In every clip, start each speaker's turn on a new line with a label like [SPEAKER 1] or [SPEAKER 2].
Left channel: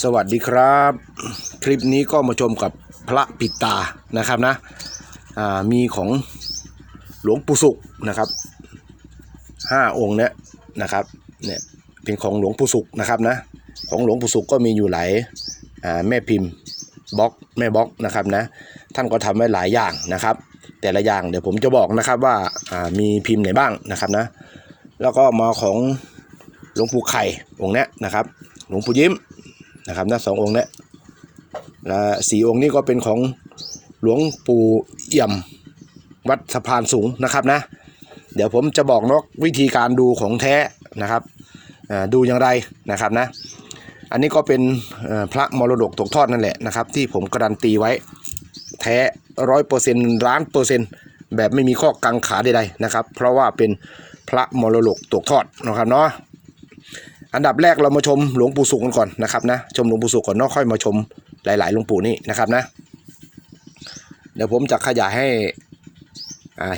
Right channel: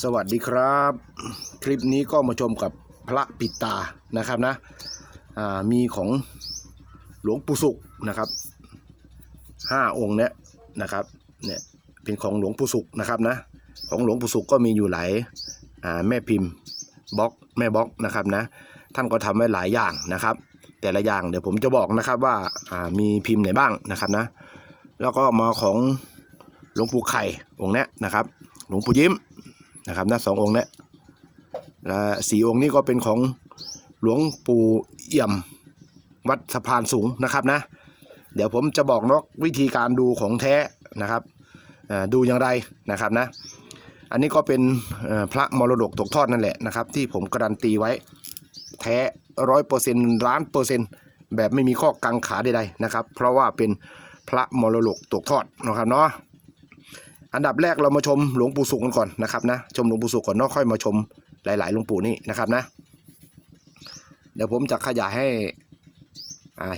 [SPEAKER 1] สวัสดีครับ คลิปนี้ก็มาชมกับพระปิดตานะครับนะมีของหลวงปู่สุขนะครับห้าองค์เนี้ยนะครับเนี่ยเป็นของหลวงปู่สุขนะครับนะของหลวงปู่สุขก็มีอยู่หลายแม่พิมพ์บล็อกแม่บล็อกนะครับนะท่านก็ทำไว้หลายอย่างนะครับ แต่ละอย่างเดี๋ยวผมจะบอกนะครับว่าอ่ามีพิมพ์ไหนบ้างนะครับนะแล้วก็มาของหลวงปู่ไข่องค์เนี้ยนะครับหลวงปู่ยิ้ม นะครับนะสององค์นี้และสี่องค์นี้ก็เป็นของหลวงปู่เอี่ยมวัดสะพานสูงนะครับนะ เดี๋ยวผมจะบอกนกวิธีการดูของแท้นะครับดูอย่างไรนะครับนะ อันนี้ก็เป็นพระมรดกตกทอดนั่นแหละนะครับ ที่ผมการันตีไว้แท้ร้อยเปอร์เซ็นต์ล้านเปอร์เซ็นต์แบบไม่มีข้อกังขาใดๆนะครับ เพราะว่าเป็นพระมรดกตกทอดนะครับเนาะ อันดับแรกเรามาชมหลวงปู่สุขกันก่อนนะครับนะชมหลวงปู่สุขก่อนนอกค่อยมาชมหลายๆหลวงปู่นี่นะครับนะ เดี๋ยวผมจะขยายให้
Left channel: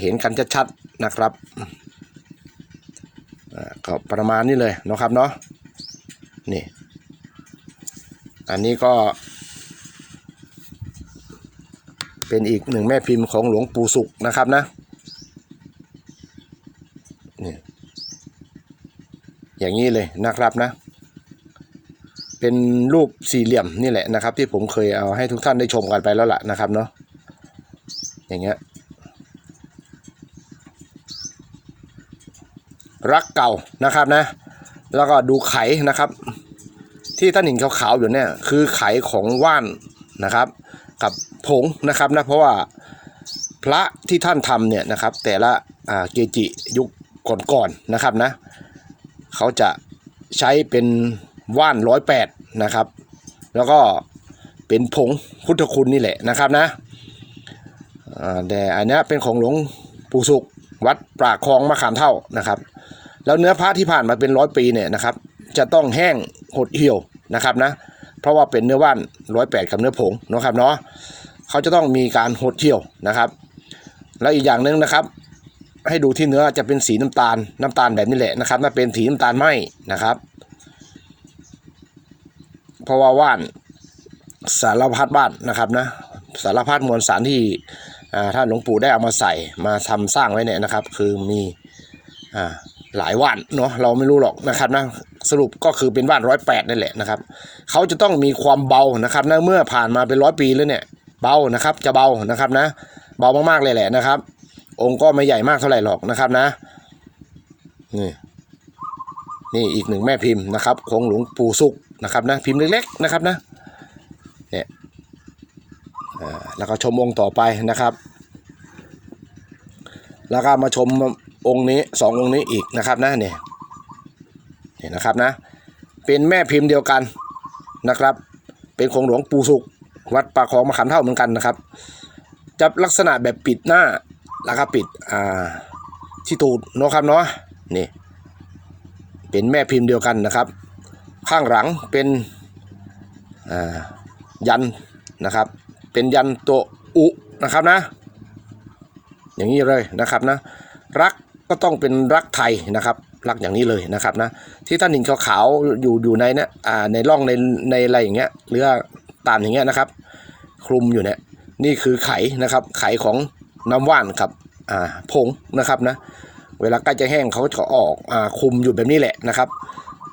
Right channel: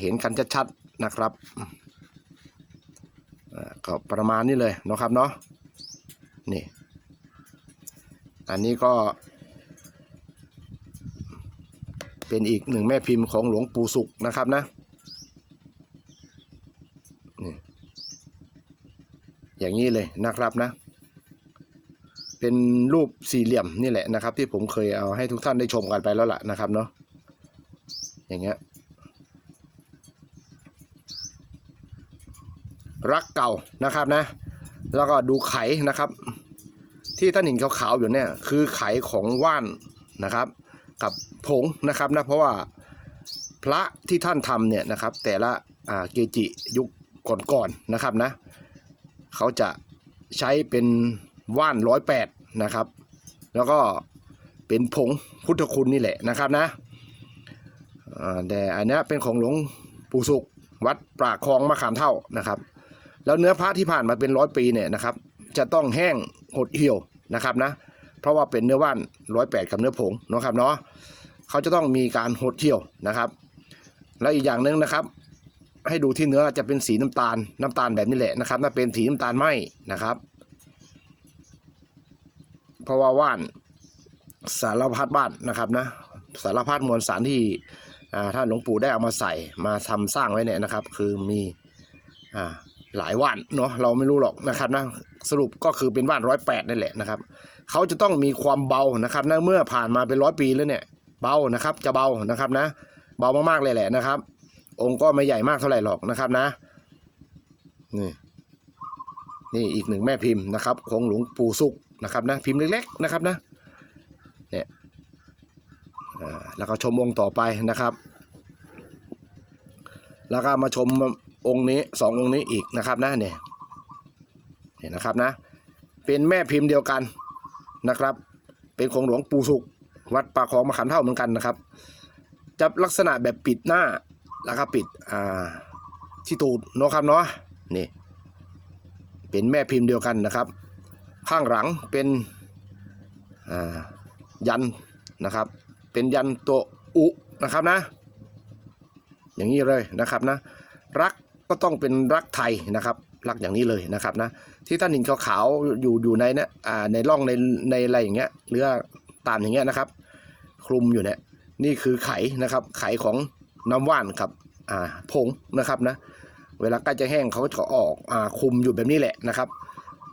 [SPEAKER 1] เห็นกันชัดๆนะครับก็ประมาณนี้เลยนะครับเนาะนี่อันนี้ก็ เป็นอีกหนึ่งแม่พิมพ์ของหลวงปู่สุขนะครับนะนี่อย่างนี้เนะครับนะ เป็นรูปสี่เหลี่ยมนี่แหละนะครับ ที่ผมเคยเอาให้ทุกท่านได้ชมกันไปแล้วล่ะนะครับเนาะอย่างเงี้ยรักเก่านะครับนะ แล้วก็ดูไขนะครับ ที่ท่านเห็นขาวๆอยู่เนี่ยคือไขของว่านนะครับ กับผงนะครับนะเพราะว่าพระที่ท่านทำเนี่ยนะครับ แต่ละเกจิยุคก่อนๆนะครับนะ เขาจะ ใช้เป็นว่านร้อยแปดนะครับ แล้วก็เป็นผงพุทธคุณนี่แหละนะครับนะแต่อันนี้เป็นของหลวงปู่สุขวัดปรากคลองมะขามเท่านะครับ แล้วเนื้อพระที่ผ่านมาเป็นร้อยปีเนี่ยนะครับ จะต้องแห้งหดเหี่ยวนะครับนะ เพราะว่าเป็นเนื้อว่านร้อยแปดกับเนื้อผงนะครับเนาะเขาจะต้องมีการหดเหี่ยวนะครับ แล้วอีกอย่างหนึ่งนะครับ ให้ดูที่เนื้อจะเป็นสีน้ำตาลน้ำตาลแบบนี้แหละนะครับถ้าเป็นสีน้ำตาลไหมนะครับเพราะว่าว่านสารพัดบ้านนะครับนะสารพัดมวลสารที่ท่านหลวงปู่ได้เอามาใส่มาทำสร้างไว้เนี่ยนะครับ คือมีอ่าหลายว่านเนาะเราไม่รู้หรอกนะครับนะสรุปก็คือเป็นว่านร้อยแปดนั่นแหละนะครับเขาจะต้องมีความเบานะครับนะเมื่อผ่านมาเป็นร้อยปีแล้วเนี่ยเบานะครับจะเบานะครับนะเบามากๆเลยแหละนะครับ องค์ก็ไม่ใหญ่มากเท่าไหร่หรอกนะครับนะ นี่นี่อีกหนึ่งแม่พิมพ์นะครับของหลวงปู่สุขนะครับนะพิมพ์เล็กๆนะครับนะเนี่ยแล้วก็ชมองค์ต่อไปนะครับ แล้วก็มาชมองค์นี้สององค์นี้อีกนะครับนะเนี่ยเนี่ยนะครับนะเป็นแม่พิมพ์เดียวกันนะครับ เป็นของหลวงปู่สุขวัดป่าของมะขามเท่าเหมือนกันนะครับจะลักษณะแบบปิดหน้า แล้วก็ปิดอ่าที่ตูดเนาะครับเนาะนี่เป็นแม่พิมพ์เดียวกันนะครับ ข้างหลังเป็นอ่ายันนะครับ เป็นยันตัวอุนะครับนะ อย่างนี้เลยนะครับนะ รักก็ต้องเป็นรักไทยนะครับ รักอย่างนี้เลยนะครับนะ ที่ท่านเห็นขาวๆอยู่อยู่ในเนี่ยอ่าในร่องในในอะไรอย่างเงี้ยหรือตามอย่างเงี้ยนะครับ คลุมอยู่เนี่ยนี่คือไขนะครับไขของ น้ำว่านครับอ่าผงนะครับนะเวลาใกล้จะแห้งเขาจะออกอ่าคุมอยู่แบบนี้แหละนะครับ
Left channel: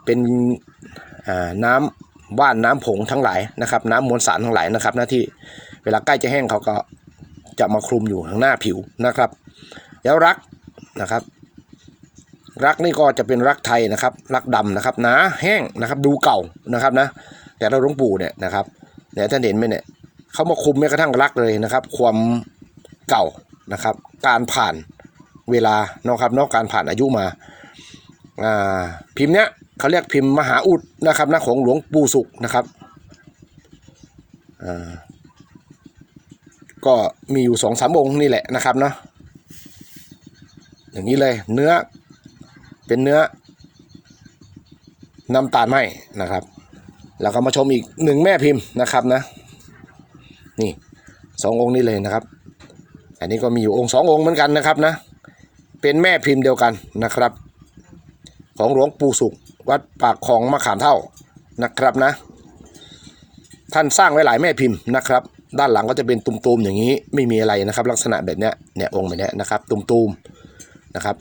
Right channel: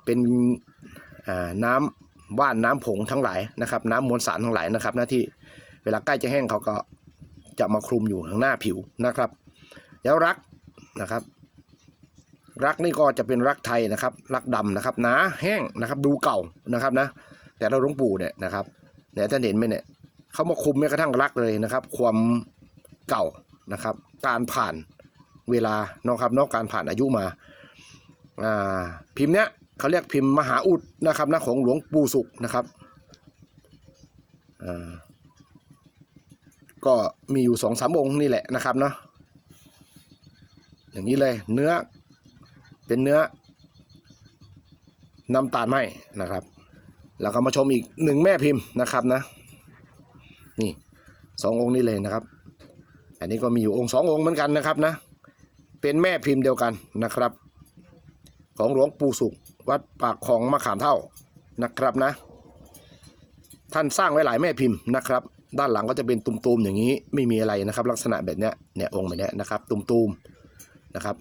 [SPEAKER 1] เป็นอ่าน้ำว่านน้ำผงทั้งหลายนะครับ น้ำมวลสารทั้งหลายนะครับหน้าที่เวลาใกล้จะแห้งเขาก็จะมาคลุมอยู่ข้างหน้าผิวนะครับ แล้วรักนะครับ รักนี่ก็จะเป็นรักไทยนะครับ รักดำนะครับหนาแห้งนะครับดูเก่านะครับนะแต่เราหลวงปู่เนี่ยนะครับเนี่ยท่านเห็นไหมเนี่ยเขามาคุมแม้กระทั่งรักเลยนะครับ ความ เก่านะครับ การผ่านเวลาเนาะครับนอกการผ่านอายุมาอ่าพิมพ์เนี้ยเขาเรียกพิมพ์มหาอุดนะครับนะของหลวงปู่สุขนะครับอ่าก็มีอยู่สองสามองค์นี่แหละนะครับเนาะอย่างนี้เลยเนื้อเป็นเนื้อน้ำตาลไหมนะครับ แล้วก็มาชมอีกหนึ่งแม่พิมพ์นะครับนะ นี่สององค์นี้เลยนะครับ อันนี้ก็มีอยู่องค์สององค์เหมือนกันนะครับนะ เป็นแม่พิมพ์เดียวกันนะครับ ของหลวงปู่สุขวัดปากคลองมะขามเท่านะครับนะ ท่านสร้างไว้หลายแม่พิมพ์นะครับ ด้านหลังก็จะเป็นตุ่มๆอย่างนี้ไม่มีอะไรนะครับ ลักษณะแบบเนี้ยเนี่ยองค์แบบเนี้ยนะครับ ตุ่มๆนะครับ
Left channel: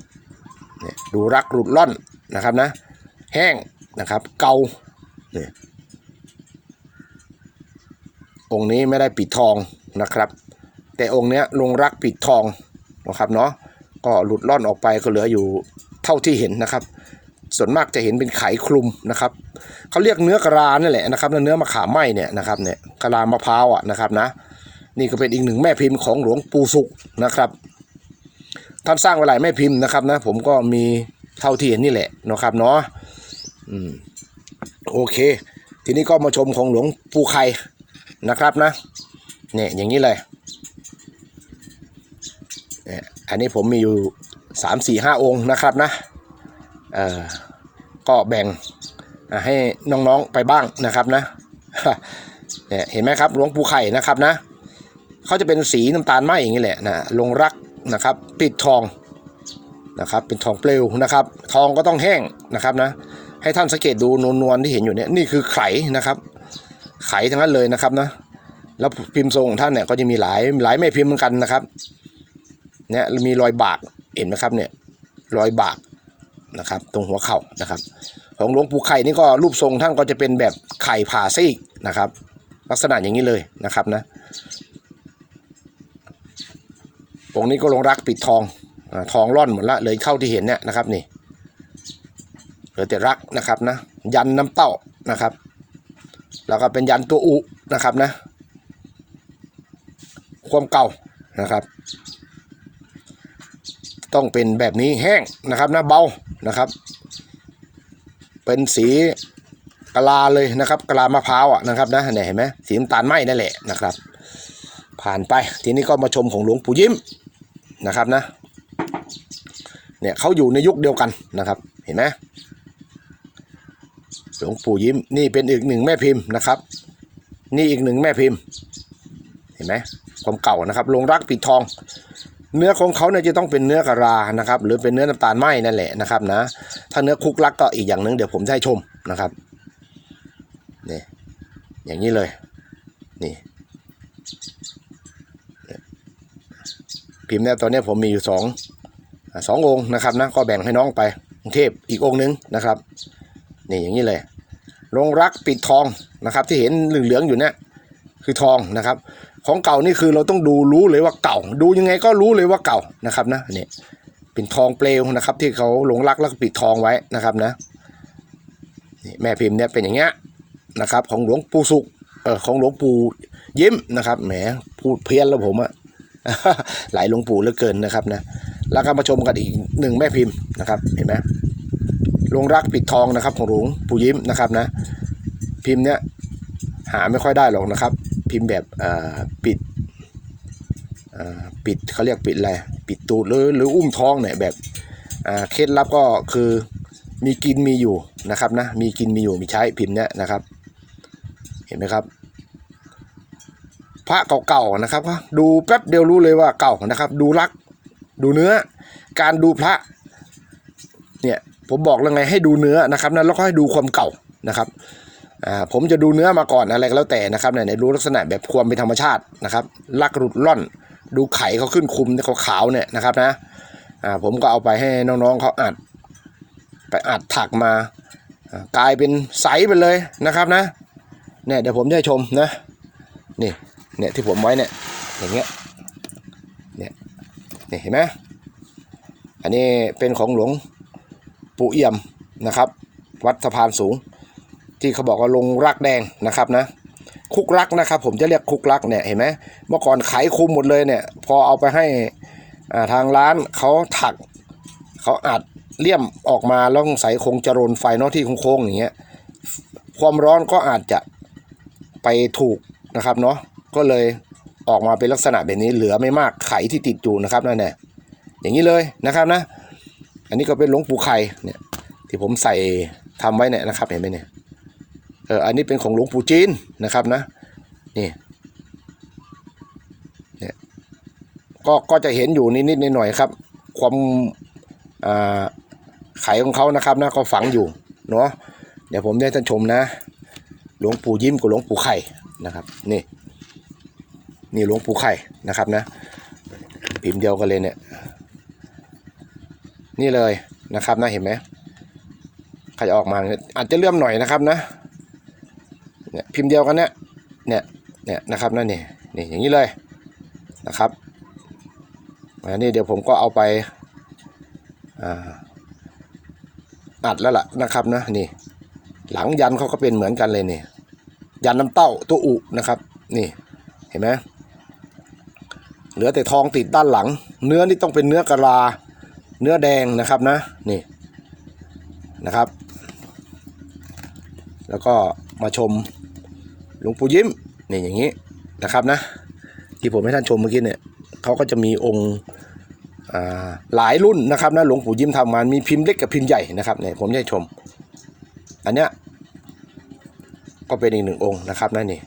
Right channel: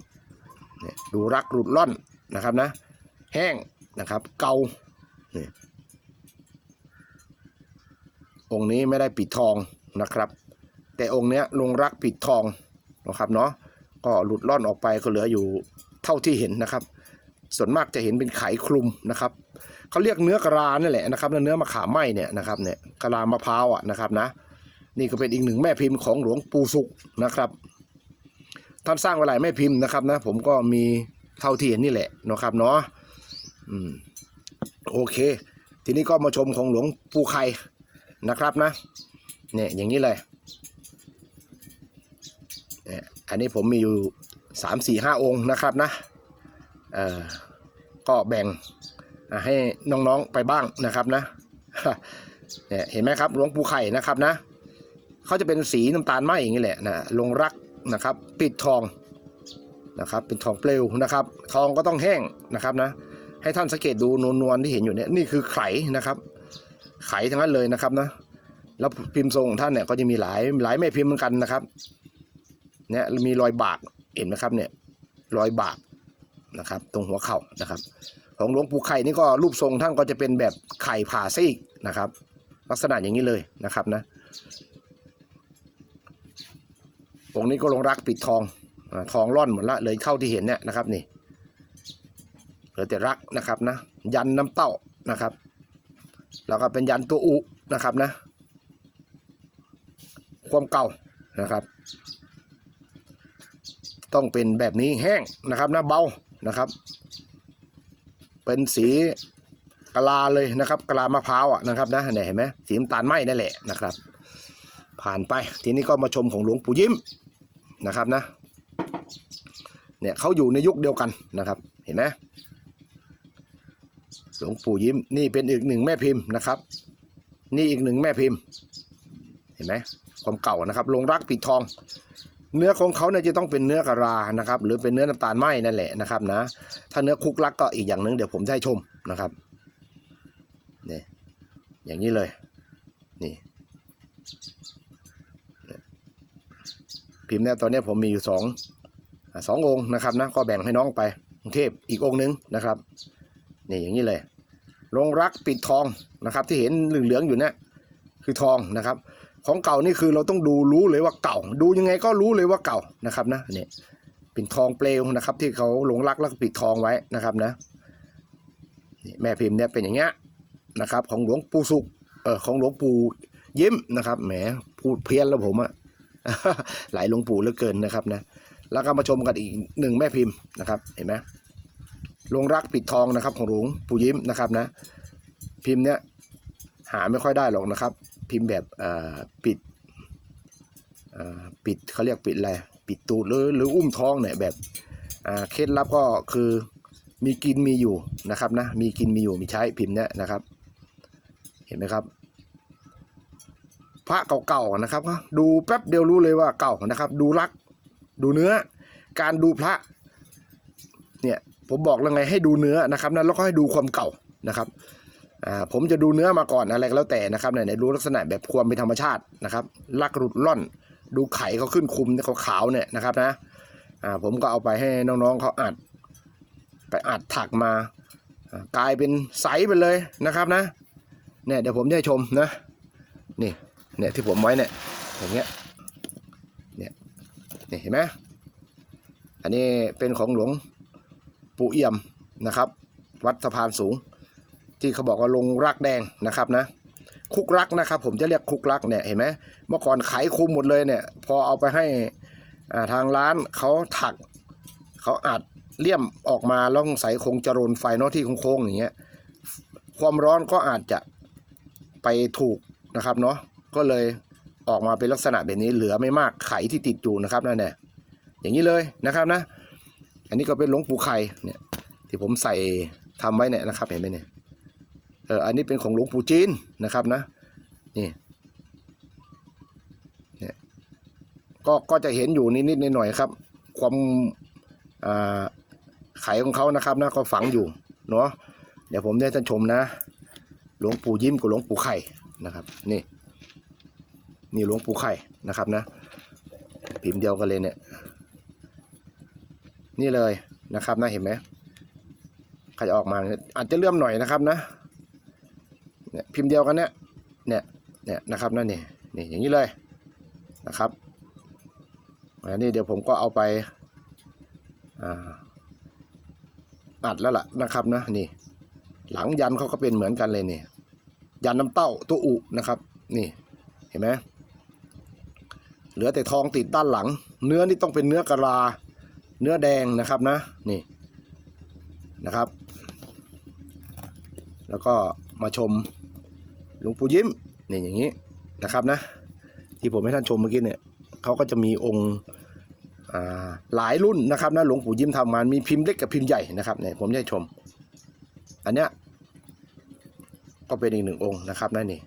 [SPEAKER 1] ดูรักหลุดล่อนนะครับนะ แห้งนะครับเกาเนี่ยองค์นี้ไม่ได้ปิดทองนะครับ แต่องค์เนี้ยลงรักปิดทองนะครับเนาะก็หลุดล่อนออกไปก็เหลืออยู่เท่าที่เห็นนะครับ ส่วนมากจะเห็นเป็นไขคลุมนะครับเขาเรียกเนื้อกะลานี่แหละนะครับเนื้อมะขามไหมเนี่ยนะครับเนี่ยกะลามะพร้าวอะนะครับนะนี่ก็เป็นอีกหนึ่งแม่พิมพ์ของหลวงปู่สุขนะครับท่านสร้างไว้หลายแม่พิมพ์นะครับนะผมก็มีเท่าที่เห็นนี่แหละนะครับเนาะอืมโอเค ทีนี้ก็มาชมของหลวงปู่ไข่นะครับนะเนี่ยอย่างนี้เลยเนี่ย อันนี้ผมมีอยู่สามสี่ห้าองค์นะครับนะก็แบ่งให้น้องๆไปบ้างนะครับนะเนี่ยเห็นไหมครับหลวงปู่ไข่นะครับนะเขาจะเป็นสีน้ำตาลไหมอย่างนี้แหละนะลงรักนะครับ ปิดทองนะครับเป็นทองเปลวนะครับ ทองก็ต้องแห้งนะครับนะ ให้ท่านสังเกตดูนวลๆที่เห็นอยู่เนี่ยนี่คือไข่นะครับ ไข่ทั้งนั้นเลยนะครับนะแล้วพิมพ์ทรงของท่านเนี่ยก็จะมีหลายหลายแม่พิมพ์เหมือนกันนะครับ เนี่ยมีรอยบากเห็นไหมครับเนี่ยรอยบากนะครับ ตรงหัวเข่านะครับ ของหลวงปู่ไข่นี่ก็รูปทรงท่านก็จะเป็นแบบไข่ผ่าซีกนะครับ ลักษณะอย่างนี้เลยนะครับนะองค์นี้ก็ลงรักปิดทองอทองร่อนหมดละเลยเข้าที่เห็นเนี่ยนะครับนี่เหลือแต่รักนะครับนะยันน้ำเต้านะครับ แล้วก็เป็นยันตัวอุนะครับนะ ความเก่านะครับ ต้องเป็นแบบนี้แห้งนะครับนะเบานะครับ เป็นสีกะลาเลยนะครับกะลามะพร้าวอะนะครับนะเนี่ยเห็นไหมสีน้ำตาลไหมนั่นแหละนะครับ ผ่านไปทีนี้ก็มาชมของหลวงปู่ยิ้มนะครับนะเนี่ยเขาอยู่ในยุคเดียวกันนะครับ เห็นไหมหลวงปู่ยิ้มนี่เป็นอีกหนึ่งแม่พิมพ์นะครับ นี่อีกหนึ่งแม่พิมพ์ เห็นไหมความเก่านะครับลงรักปิดทอง เนื้อของเขาเนี่ยจะต้องเป็นเนื้อกะลานะครับ หรือเป็นเนื้อน้ำตาลไหมนั่นแหละนะครับนะ ถ้าเนื้อคุกลักก็อีกอย่างหนึ่งเดี๋ยวผมจะให้ชมนะครับนี่อย่างนี้เลยนี่พิมพ์เนี่ยตอนนี้ผมมีอยู่สองสององค์นะครับนะก็แบ่งให้น้องไปกรุงเทพอีกองค์นึงนะครับนี่อย่างนี้เลยลงรักปิดทองนะครับ ที่เห็นเหลืองๆอยู่เนี่ยคือทองนะครับ ของเก่านี่คือเราต้องดูรู้เลยว่าเก่า ดูยังไงก็รู้เลยว่าเก่านะครับนะนี่เป็นทองเปลวนะครับ ที่เขาหลงรักแล้วก็ปิดทองไว้นะครับนะนี่แม่พิมพ์เนี่ยเป็นอย่างเงี้ยนะครับ ของหลวงปู่สุขเออของหลวงปู่ยิ้มนะครับแหมพูดเพี้ยนแล้วผมอะหลายหลวงปู่เหลือเกินนะครับนะแล้วก็มาชมกันอีกหนึ่งแม่พิมพ์นะครับ เห็นไหมลงรักปิดทองนะครับ ของหลวงปู่ยิ้มนะครับนะ พิมพ์เนี้ยหาไม่ค่อยได้หรอกนะครับ พิมพ์แบบปิดปิดเขาเรียกปิดอะไรปิดตูดหรือหรืออุ้มท้องเนี่ยแบบเคล็ดลับก็คือมีกินมีอยู่นะครับนะมีกินมีอยู่มีใช้พิมพ์เนี้ยนะครับ เห็นไหมครับ พระเก่าๆนะครับดูแป๊บเดียวรู้เลยว่าเก่านะครับ ดูรัก ดูเนื้อ การดูพระเนี่ยผมบอกแล้วไงให้ดูเนื้อนะครับนะแล้วก็ให้ดูความเก่านะครับ อ่าผมจะดูเนื้อมาก่อนอะไรก็แล้วแต่นะครับเนี่ยรู้ลักษณะแบบความเป็นธรรมชาตินะครับลักหลุดล่อน ดูไข่เขาขึ้นคุมเนี่ยขาวเนี่ยนะครับนะอ่าผมก็เอาไปให้น้องๆเขาอัด ไปอัดถักมากลายเป็นใสไปเลยนะครับนะเนี่ยเดี๋ยวผมจะให้ชมนะนี่เนี่ยที่ผมไว้เนี่ยอย่างเงี้ยเนี่ยนี่เห็นไหมอันนี้เป็นของหลวงปู่เอี่ยมนะครับ วัดสะพานสูง ที่เขาบอกว่าลงรักแดงนะครับนะคุกรักนะครับ ผมจะเรียกคุกรักเนี่ยเห็นไหมเมื่อก่อนขายคุมหมดเลยเนี่ยพอเอาไปให้ทางร้านเขาถักเขาอัดเลี่ยมออกมาแล้วใส่คงจรนไฟเนอกที่โค้งๆอย่างเงี้ยความร้อนก็อาจจะไปถูกนะครับเนาะก็เลยออกมาเป็นลักษณะแบบนี้เหลือไม่มากไขที่ติดอยู่นะครับนั่นแหละอย่างนี้เลยนะครับนะ อันนี้ก็เป็นหลวงปู่ไข่เนี่ยที่ผมใส่ทำไว้เนี่ยนะครับเห็นไหมเนี่ย อออันนี้เป็นของหลวงปู่จีนนะครับนะนี่เนี่ยก็ก็จะเห็นอยู่นิดๆหน่อยๆครับ ความไขของเขานะครับนะก็ฝังอยู่เนาะเดี๋ยวผมได้ท่านชมนะ หลวงปู่ยิ้มกับหลวงปู่ไข่นะครับนี่นี่หลวงปู่ไข่นะครับนะพิมพ์เดียวกันเลยเนี่ยนี่เลยนะครับนะเห็นไหมใครออกมาเนี่ยอาจจะเลื่อมหน่อยนะครับนะ เนี่ยพิมพ์เดียวกันเนี่ยเนี่ยเนี่ยนะครับนั่นนี่นี่อย่างนี้เลยนะครับอันนี้เดี๋ยวผมก็เอาไปอัดแล้วล่ะนะครับนะนี่ หลังยันเขาก็เป็นเหมือนกันเลยนี่ยันน้ำเต้าตัวอุนะครับ นี่เห็นไหมเหลือแต่ทองติดด้านหลัง เนื้อนี่ต้องเป็นเนื้อกะลา เนื้อแดงนะครับนะนี่นะครับ แล้วก็มาชม หลวงปู่ยิ้มนี่อย่างนี้นะครับนะ ที่ผมให้ท่านชมเมื่อกี้เนี่ยเขาก็จะมีองค์หลายรุ่นนะครับนะหลวงปู่ยิ้มทำมามีพิมพ์เล็กกับพิมพ์ใหญ่นะครับเนี่ยผมจะให้ชม อันเนี้ยก็เป็นอีกหนึ่งองค์นะครับนั่นนี่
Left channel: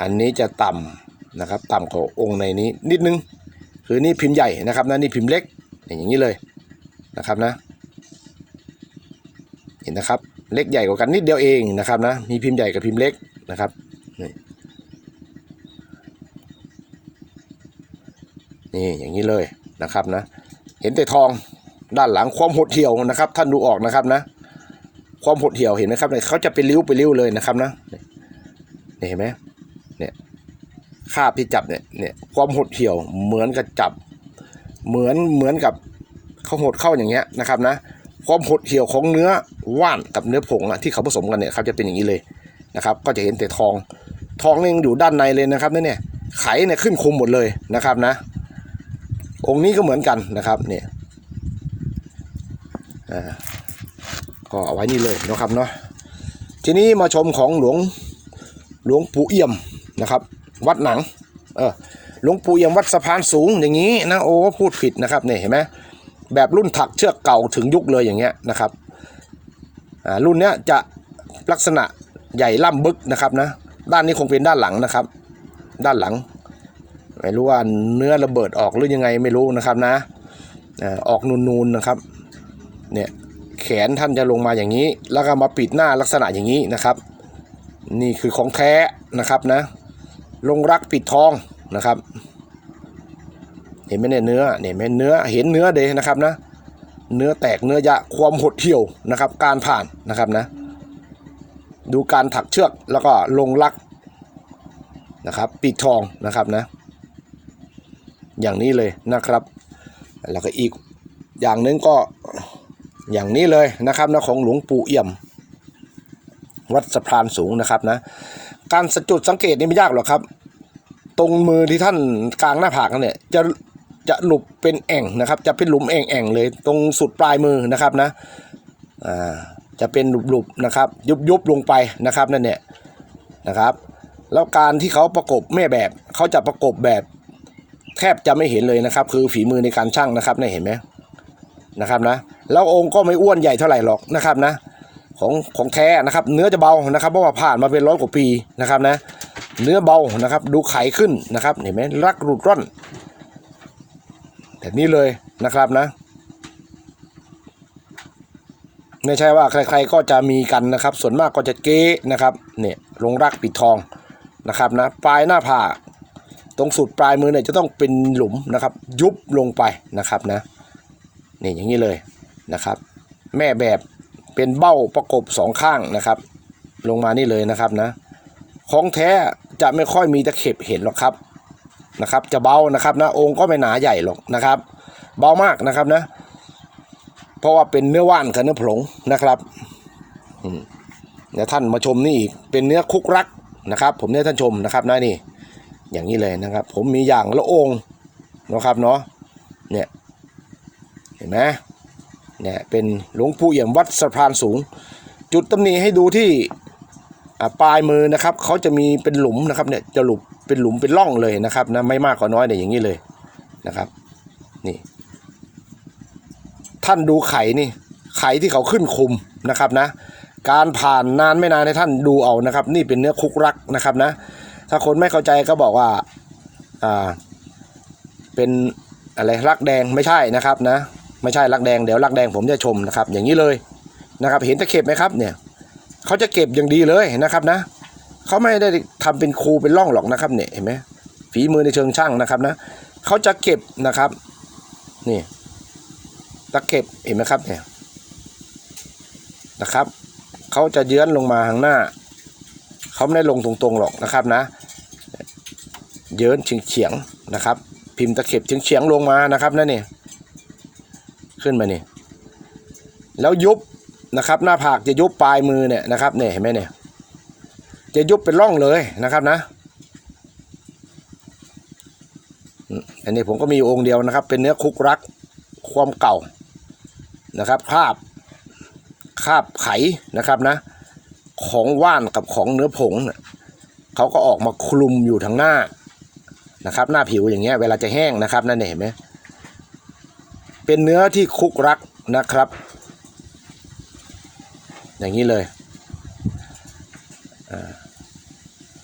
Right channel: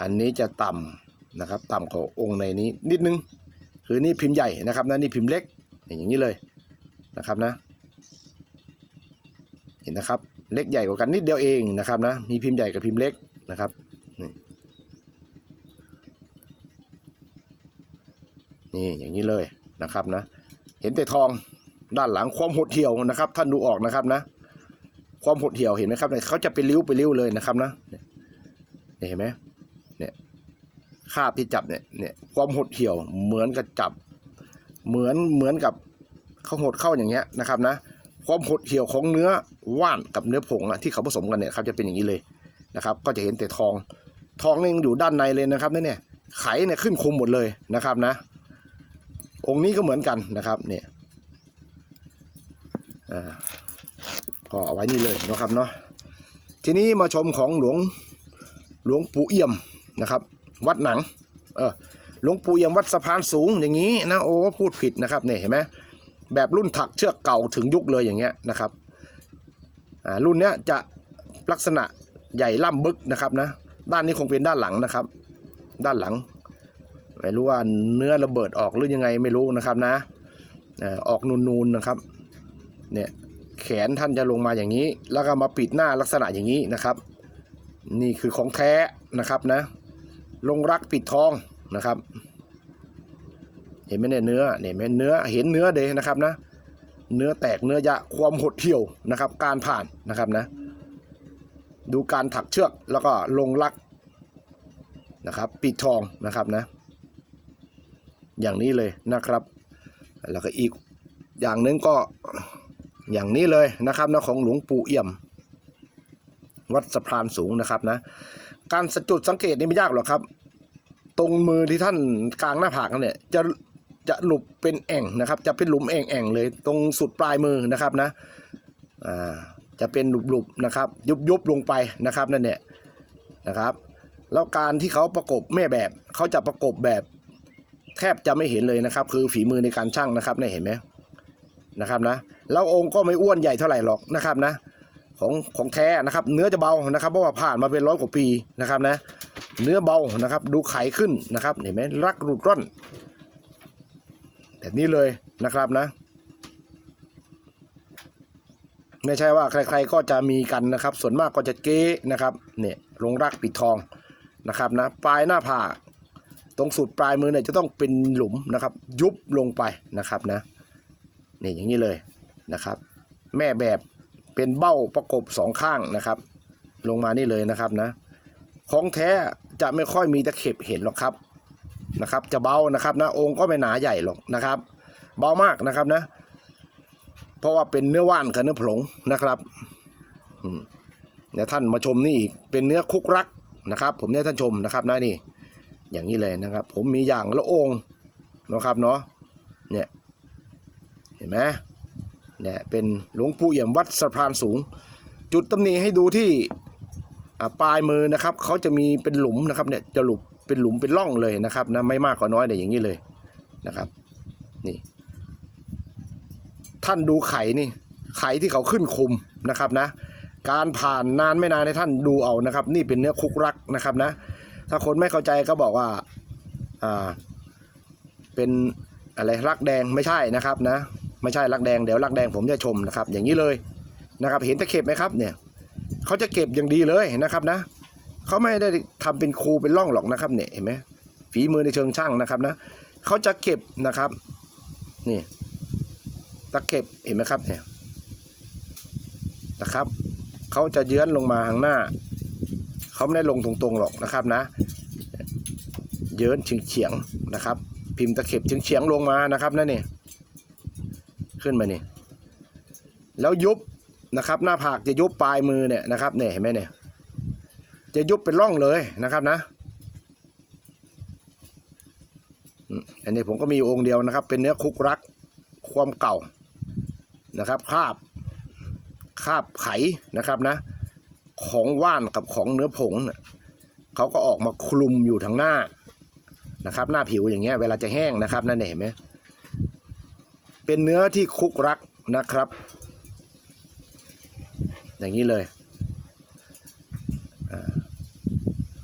[SPEAKER 1] อันนี้จะต่ำนะครับ ต่ำกว่าองค์ในนี้นิดนึง คือนี่พิมพ์ใหญ่นะครับนะนี่พิมพ์เล็กอย่างนี้เลยนะครับนะ เห็นนะครับเล็กใหญ่กว่ากันนิดเดียวเองนะครับนะมีพิมพ์ใหญ่กับพิมพ์เล็กนะครับ นี่อย่างนี้เลยนะครับนะ เห็นแต่ทองด้านหลังความหดเหี่ยวนะครับ ท่านดูออกนะครับนะ ความหดเหี่ยวเห็นไหมครับเนี่ยเขาจะเป็นริ้วเป็นริ้วเลยนะครับนะนี่เห็นไหมเนี่ยคาบที่จับเนี่ยเนี่ยความหดเหี่ยวเหมือนกับจับ เหมือนเหมือนกับเขาหดเข้าอย่างเงี้ยนะครับนะ ความหดเหี่ยวของเนื้อว่านกับเนื้อผงอะที่เขาผสมกันเนี่ยครับจะเป็นอย่างนี้เลยนะครับ ก็จะเห็นแต่ทองทองนี่ยังอยู่ด้านในเลยนะครับเนี่ยไขเนี่ยขึ้นคุมหมดเลยนะครับนะ องค์นี้ก็เหมือนกันนะครับเนี่ยอ่าก็เอาไว้นี่เลยนะครับเนาะทีนี้มาชมของหลวงหลวงปู่เอี่ยมนะครับ วัดหนังเออหลวงปู่เอี่ยมวัดสะพานสูงอย่างนี้นะโอ้พูดผิดนะครับเนี่ยเห็นไหมแบบรุ่นถักเชือกเก่าถึงยุคเลยอย่างเงี้ยนะครับอ่ารุ่นเนี้ยจะลักษณะใหญ่ล่ำบึกนะครับนะด้านนี้คงเป็นด้านหลังนะครับ ด้านหลัง ไม่รู้ว่าเนื้อระเบิดออกหรือยังไงไม่รู้นะครับนะออกนูนๆนะครับเนี่ยแขนท่านจะลงมาอย่างนี้ แล้วก็มาปิดหน้าลักษณะอย่างนี้นะครับ นี่คือของแท้นะครับนะ ลงรักปิดทองนะครับ เห็นไหมเนี่ยเนื้อเนี่ยเห็นไหมเนื้อเห็นเนื้อเดยนะครับนะ เนื้อแตกเนื้อยะความหดเหี่ยวนะครับ การผ่านนะครับนะ ดูการถักเชือกแล้วก็ลงรักนะครับ ปิดทองนะครับนะ อย่างนี้เลยนะครับ แล้วก็อีกอย่างหนึงก็อย่างนี้เลยนะครับนะของหลวงปู่เอี่ยม วัดสะพานสูงนะครับนะ การสจุดสังเกตนี่ไม่ยากหรอกครับ ตรงมือที่ท่านกลางหน้าผากนั่นเนี่ยจะจะหลุบเป็นแอ่งนะครับ จะเป็นหลุมแอ่งๆเลย ตรงสุดปลายมือนะครับนะอ่าจะเป็นหลุบๆนะครับ ยุบๆลงไปนะครับนั่นเนี่ยนะครับ แล้วการที่เขาประกบแม่แบบเขาจะประกบแบบ แทบจะไม่เห็นเลยนะครับ คือฝีมือในการช่างนะครับเนี่ยเห็นไหมนะครับนะแล้วองค์ก็ไม่อ้วนใหญ่เท่าไหร่หรอกนะครับนะ ของของแท้นะครับ เนื้อจะเบานะครับเพราะว่าผ่านมาเป็นร้อยกว่าปีนะครับนะ เนื้อเบานะครับ ดูไขขึ้นนะครับ เห็นไหมรักรูดร่อนแบบนี้เลยนะครับนะ ไม่ใช่ว่าใคร ๆก็จะมีกันนะครับ ส่วนมากก็จะเก๊นะครับเนี่ยลงรักปิดทองนะครับนะปลายหน้าผา รงสุดปลายมือเนี่ยจะต้องเป็นหลุมนะครับ ยุบลงไปนะครับนะนี่อย่างนี้เลยนะครับ แม่แบบเป็นเบ้าประกบสองข้างนะครับ ลงมานี่เลยนะครับนะ ของแท้จะไม่ค่อยมีตะเข็บเห็นหรอกครับนะครับ จะเบานะครับนะองค์ก็ไม่หนาใหญ่หรอกนะครับ เบามากนะครับนะ เพราะว่าเป็นเนื้อว่านกับเนื้อผงนะครับเดี๋ยวท่านมาชมนี่อีกเป็นเนื้อคุกรักนะครับ ผมเนี่ยท่านชมนะครับนะนี่ อย่างนี้เลยนะครับ ผมมีอย่างละองค์นะครับเนาะเนี่ยเห็นไหมเนี่ยเป็นหลวงปู่เอี่ยมวัดสะพานสูง จุดตำหนิให้ดูที่ปลายมือนะครับเขาจะมีเป็นหลุมนะครับเนี่ยจะหลุมเป็นหลุมเป็นร่องเลยนะครับนะไม่มากก็น้อยเนี่ยอย่างนี้เลยนะครับนี่ท่านดูไข่นี่ไข่ที่เขาขึ้นคุมนะครับนะ การผ่านนานไม่นานให้ท่านดูเอานะครับ นี่เป็นเนื้อคุกรักนะครับนะ ถ้าคนไม่เข้าใจก็บอกว่าอ่าเป็นอะไรรักแดงไม่ใช่นะครับนะไม่ใช่รักแดงเดี๋ยวรักแดงผมจะชมนะครับ อย่างนี้เลยนะครับ เห็นตะเข็บไหมครับเนี่ยเขาจะเก็บอย่างดีเลยนะครับนะเขาไม่ได้ทำเป็นครูเป็นร่องหรอกนะครับเนี่ยเห็นไหมฝีมือในเชิงช่างนะครับนะเขาจะเก็บนะครับนี่ตะเก็บเห็นไหมครับเนี่ยนะครับเขาจะเยื้อนลงมาข้างหน้าเขาไม่ได้ลงตรงๆหรอกนะครับนะ เยื้นเฉียงนะครับ พิมพ์ตะเข็บเฉียงๆลงมานะครับนั่นนี่ขึ้นมานี่แล้วยุบนะครับ หน้าผากจะยุบปลายมือเนี่ยนะครับเนี่ยเห็นไหมเนี่ยจะยุบเป็นร่องเลยนะครับนะอันนี้ผมก็มีองค์เดียวนะครับ เป็นเนื้อคุกรักความเก่านะครับคาบคาบไขนะครับนะ ของว่านกับของเนื้อผงเนี่ยเขาก็ออกมาคลุมอยู่ทางหน้า นะครับ หน้าผิวอย่างเงี้ยเวลาจะแห้งนะครับนั่นเห็นไหมเป็นเนื้อที่คุกรักนะครับ อย่างนี้เลย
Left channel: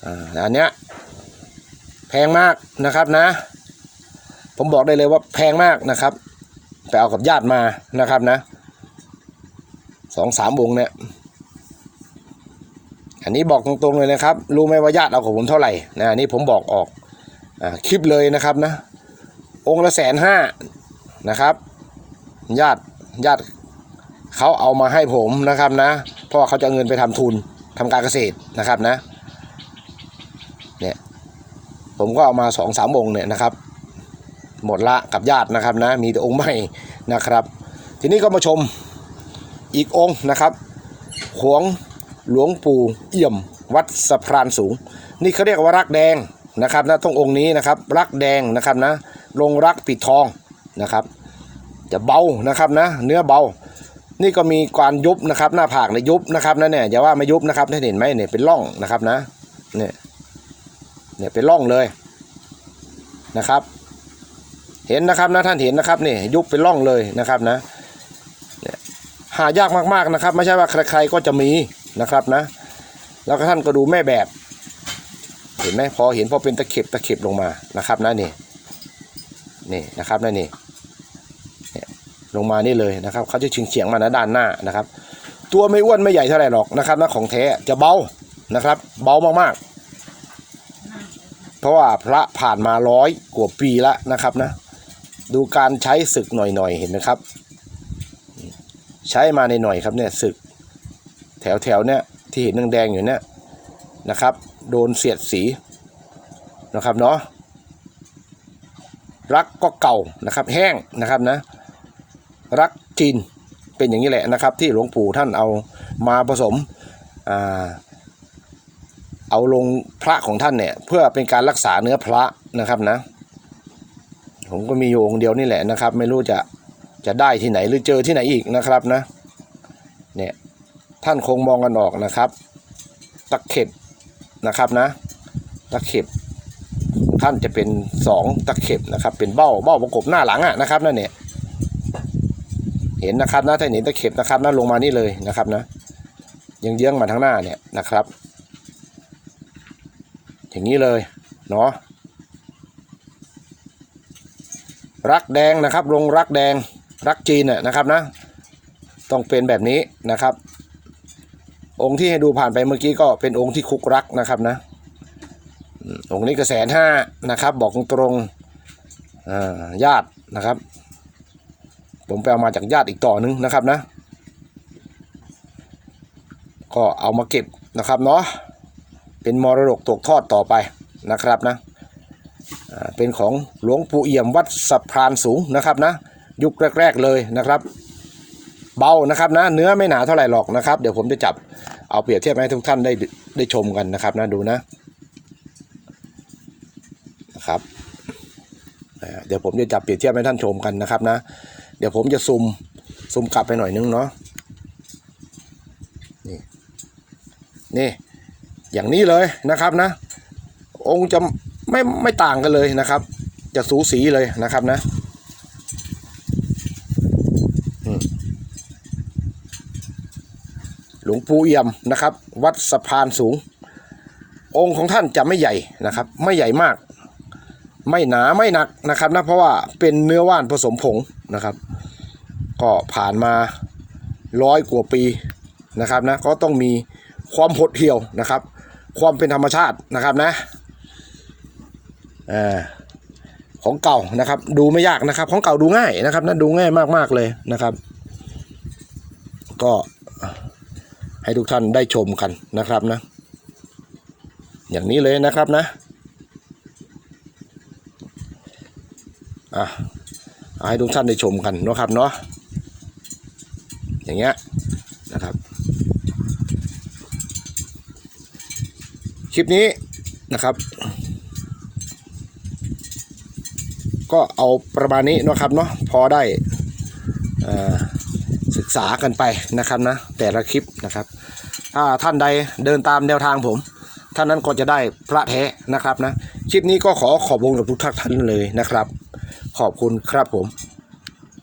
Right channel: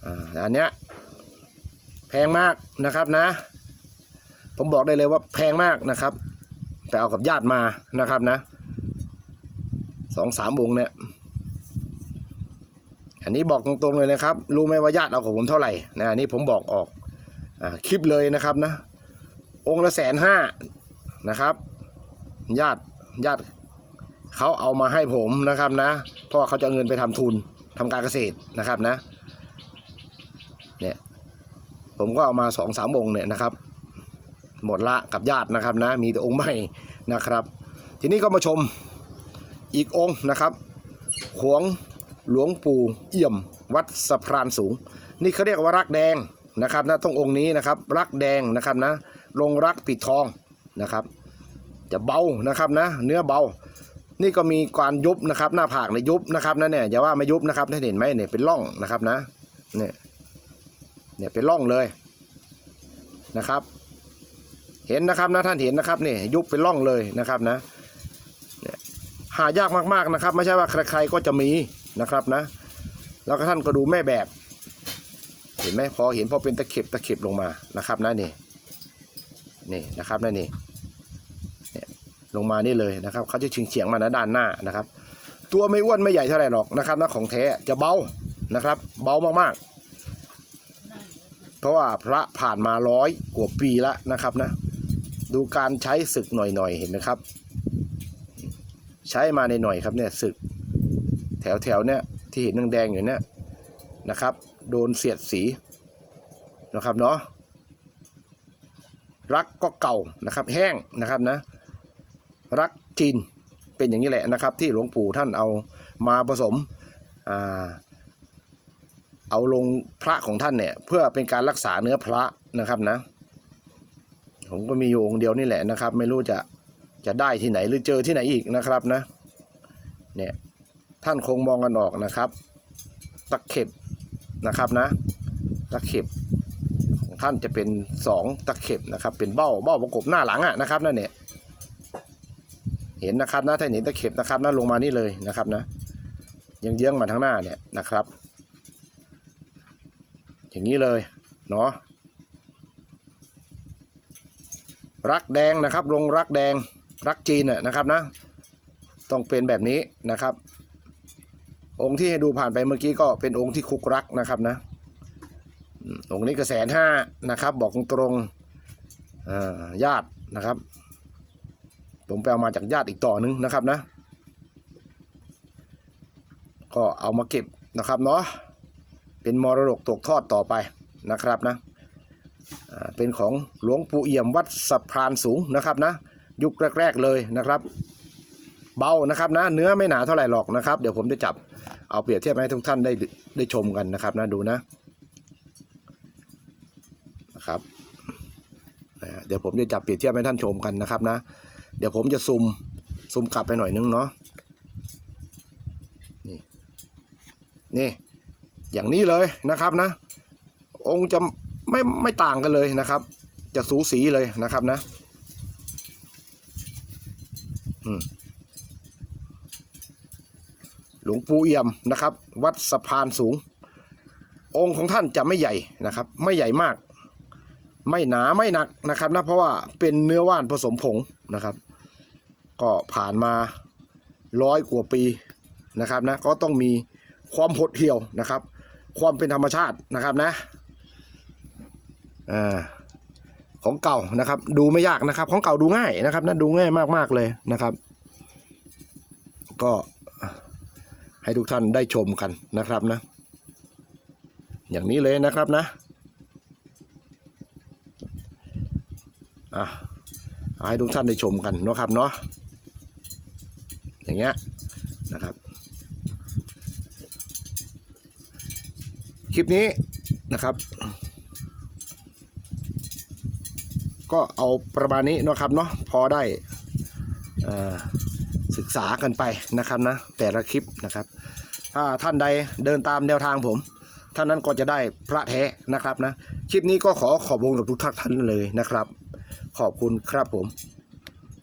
[SPEAKER 1] อ่าอันเนี้ยแพงมากนะครับนะ ผมบอกได้เลยว่าแพงมากนะครับ ไปเอากับญาติมานะครับนะสองสามวงเนี่ยอันนี้บอกตรงๆเลยนะครับ รู้ไหมว่าญาติเอาของผมเท่าไหร่นะอันนี้ผมบอกออก คลิปเลยนะครับนะ องค์ละแสนห้านะครับ ญาติญาติเขาเอามาให้ผมนะครับนะ เพราะเขาจะเอาเงินไปทำทุนทำการเกษตรนะครับนะ เนี่ย ผมก็เอามาสองสามองค์เนี่ยนะครับ หมดละกับญาตินะครับนะ มีแต่องค์ใหม่นะครับ ทีนี้ก็มาชมอีกองค์นะครับหวงหลวงปู่เอี่ยม วัดสะพรานสูง นี่เขาเรียกว่ารักแดง นะครับนะตรงองค์นี้นะครับรักแดงนะครับนะลงรักปิดทองนะครับ จะเบานะครับนะ เนื้อเบา นี่ก็มีการยุบนะครับ หน้าผากในยยุบนะครับนะเนี่ยอย่าว่าไม่ยุบนะครับท่านเห็นไหมเนี่ยเป็นร่องนะครับนะเนี่ยเนี่ยเป็นร่องเลยนะครับ เห็นนะครับนะท่านเห็นนะครับนี่ยุบเป็นร่องเลยนะครับนะเนี่ยหายากมากๆนะครับ ไม่ใช่ว่าใครๆก็จะมีนะครับนะ แล้วก็ท่านก็ดูแม่แบบ ห็นไหมพอเห็นพอเป็นตะเข็บตะเข็บลงมานะครับนะนี่นี่นะครับนะนี่เนี่ลงมานี่เลยนะครับเขาจะเฉียงเฉียงมานะด้านหน้านะครับ ตัวไม่อ้วนไม่ใหญ่เท่าไหร่หรอกนะครับนะของแท้จะเบานะครับ เบามากๆ เพราะว่าพระผ่านมาร้อยกว่าปีแล้วนะครับนะดูการใช้ศึกหน่อยๆเห็นไหมครับ ใช้มาในหน่อยครับเนี่ยศึก แถวๆเนี่ยที่เห็นแดงๆอยู่เนี่ยนะครับ โดนเสียดสีนะครับเนาะรักก็เก่านะครับแห้งนะครับนะรักจีนเป็นอย่างนี้แหละนะครับ ที่หลวงปู่ท่านเอามาผสมอเอาลงพระของท่านเนี่ยเพื่อเป็นการรักษาเนื้อพระนะครับนะ ผมก็มีอยู่องเดียวนี่แหละนะครับ ไม่รู้จะจะได้ที่ไหนหรือเจอที่ไหนอีกนะครับนะเนี่ยท่านคงมองกันออกนะครับ ตะเข็บ นะครับนะตะเข็บท่านจะเป็นสองตะเข็บนะครับ เป็นเบ้าเบ้าประกบหน้าหลังอะนะครับนั่นเนี่ยเห็นนะครับนะถ้าเห็นตะเข็บนะครับนะลงมานี่เลยนะครับนะยังเยื้องมาทางหน้าเนี่ยนะครับ อย่างนี้เลยเนาะรักแดงนะครับลงรักแดงรักจีนน่ะนะครับนะ ต้องเป็นแบบนี้นะครับ องค์ที่ให้ดูผ่านไปเมื่อกี้ก็เป็นองค์ที่คุกรักนะครับนะองค์นี้ก็แสนห้านะครับ บอกตรงๆญาตินะครับ ผมไปเอามาจากญาติอีกต่อนึงนะครับนะ ก็เอามาเก็บนะครับเนาะเป็นมรดกตกทอดต่อไปนะครับนะเป็นของหลวงปู่เอี่ยมวัดสะพานสูงนะครับนะ ยุคแรก ๆเลยนะครับ เบานะครับนะเนื้อไม่หนาเท่าไหร่หรอกนะครับ เดี๋ยวผมจะจับเอาเปรียบเทียบให้ทุกท่านได้ได้ชมกันนะครับนะดูนะนะครับเดี๋ยวผมจะจับเปรียบเทียบให้ท่านชมกันนะครับนะ เดี๋ยวผมจะซูมซูมกลับไปหน่อยนึงเนาะนี่นี่อย่างนี้เลยนะครับนะ องค์จะไม่ไม่ต่างกันเลยนะครับ จะสูสีเลยนะครับนะอืม หลวงปู่เอี่ยมนะครับ วัดสะพานสูง องค์ของท่านจะไม่ใหญ่นะครับ ไม่ใหญ่มาก ไม่หนาไม่หนักนะครับนะเพราะว่าเป็นเนื้อว่านผสมผงนะครับ ก็ผ่านมาร้อยกว่าปีนะครับนะก็ต้องมีความหดเหี่ยวนะครับ ความเป็นธรรมชาตินะครับนะอ่าของเก่านะครับ ดูไม่ยากนะครับ ของเก่าดูง่ายนะครับนะดูง่ายมากๆเลยนะครับ ก็ ให้ทุกท่านได้ชมกันนะครับนะ อย่างนี้เลยนะครับนะอะเอาให้ทุกท่านได้ชมกันนะครับเนาะอย่างเงี้ยนะครับ คลิปนี้นะครับ ก็เอาประมาณนี้นะครับเนาะพอได้อ่าศึกษากันไปนะครับนะแต่ละคลิปนะครับ ท่านใดเดินตามแนวทางผมท่านนั้นก็จะได้พระแท้นะครับนะคลิปนี้ก็ขอขอบคุณกับทุกท่านเลยนะครับ ขอบคุณครับผม